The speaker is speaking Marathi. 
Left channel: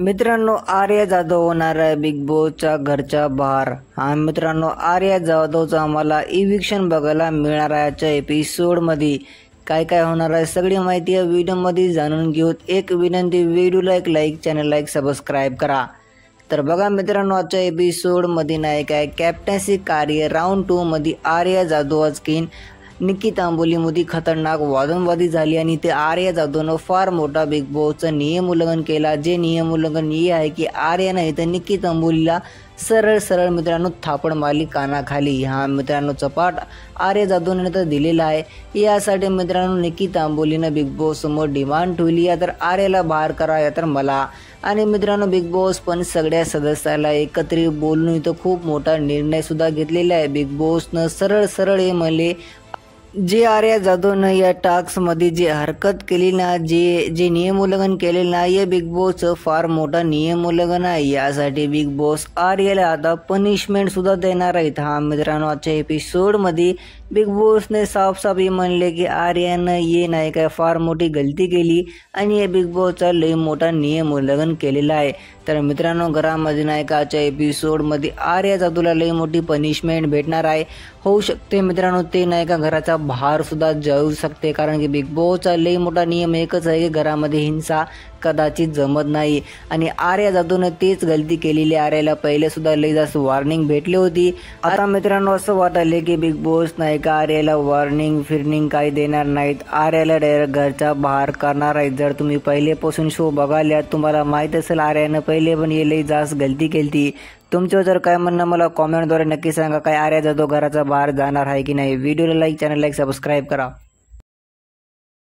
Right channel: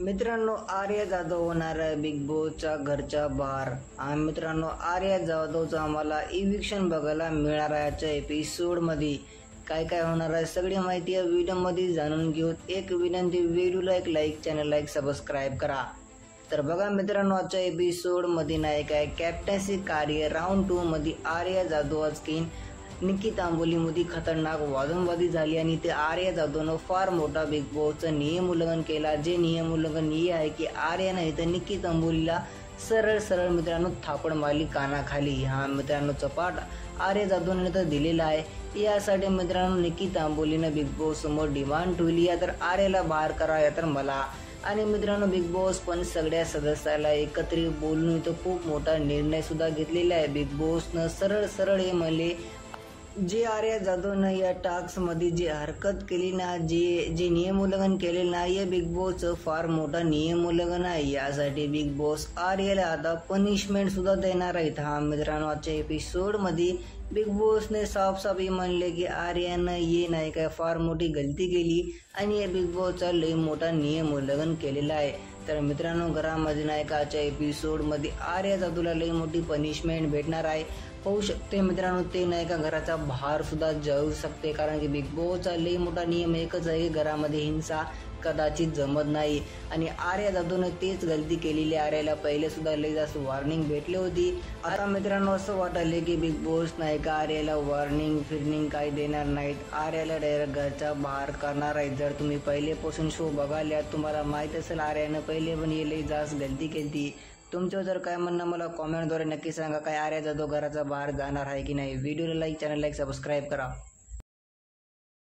मित्रांनो, आर्या जाधव होणार आहे बिग बॉसच्या घरच्या बाहेर. मित्रांनो, आर्या जाधवचा आम्हाला इविक्शन बघायला मिळणार आहे. आजच्या एपिसोडमध्ये काय काय होणार आहे सगळी माहिती या व्हिडिओमध्ये जाणून घेऊ. एक विनंती, व्हिडिओला एक लाईक, चॅनलला एक सबस्क्राईब करा. तर बघा मित्रांनो, आजच्या एपिसोडमध्ये नाही काय कॅप्टन्सी कार्य राऊंड 2 मध्ये आर्या जाधव आज निकी तांबोलीमध्ये खतरनाक वादनवादी झाली आणि ते आर्या जाधवनं फार मोठा बिग बॉसचं नियम उल्लंघन केला. जे नियम उल्लंघन हे आहे की आर्यानं इथं निकी तांबोलीला सरळ मित्रांनो थापड मारली कानाखाली. मित्रांनो चपाट आर्या जाधवने तर दिलेला आहे. यासाठी मित्रांनो निकी तांबोलीनं बिग बॉस समोर डिमांड ठेवली या तर आर्याला बाहेर करा या तर मला. आणि मित्रांनो बिग बॉस पण सगळ्या सदस्याला एकत्रित बोलून इथं खूप मोठा निर्णय सुद्धा घेतलेला आहे. बिग बॉसनं सरळ हे म्हणले, जे आर्या जाधवनं या टास्कमध्ये जे हरकत केली ना, जे नियम उल्लंघन केले ना, हे बिग बॉसचं फार मोठा नियम उल्लंघन आहे. यासाठी बिग बॉस आर्याला आता पनिशमेंट सुद्धा देणार आहेत. मित्रांनो, आजच्या एपिसोडमध्ये बिग बॉसने साफ म्हणले की आर्यानं ये नाही काय फार मोठी गलती केली आणि हे बिग बॉसचा लई मोठा नियम उल्लंघन केलेला आहे. तर मित्रांनो, घरामध्ये नाही का आजच्या एपिसोडमध्ये आर्या जाधवला लई मोठी पनिशमेंट भेटणार आहे. होऊ शकते मित्रांनो ते नाही का घराचा बाहेर सुद्धा जाऊ शकते, कारण की बिग बॉसचा लई मोठा नियम एकच आहे की घरामध्ये हिंसा कदाचित जमत नाही. आणि आर्या जाधवनं तेच गलती केलेली. आर्याला पहिले सुद्धा लई जास्त वॉर्निंग भेटली होती. आता मित्रांनो असं वाटले की बिग बॉस नाही का आर्याला वॉर्निंग काही देणार नाहीत, आर्याला डायरेक्ट घरच्या बाहेर करणार आहेत. जर तुम्ही पहिलेपासून शो बघायला तुम्हाला माहीत असेल आर्यानं पहिले पण हे लई जास्त गलती केली. तुमचं जर काय म्हणणं मला कॉमेंटद्वारे नक्की सांगा. काय आर्या जाधव घराच्या बाहेर जाणार आहे की नाही. व्हिडिओला लाईक, चॅनल लाईक, सबस्क्राईब करा.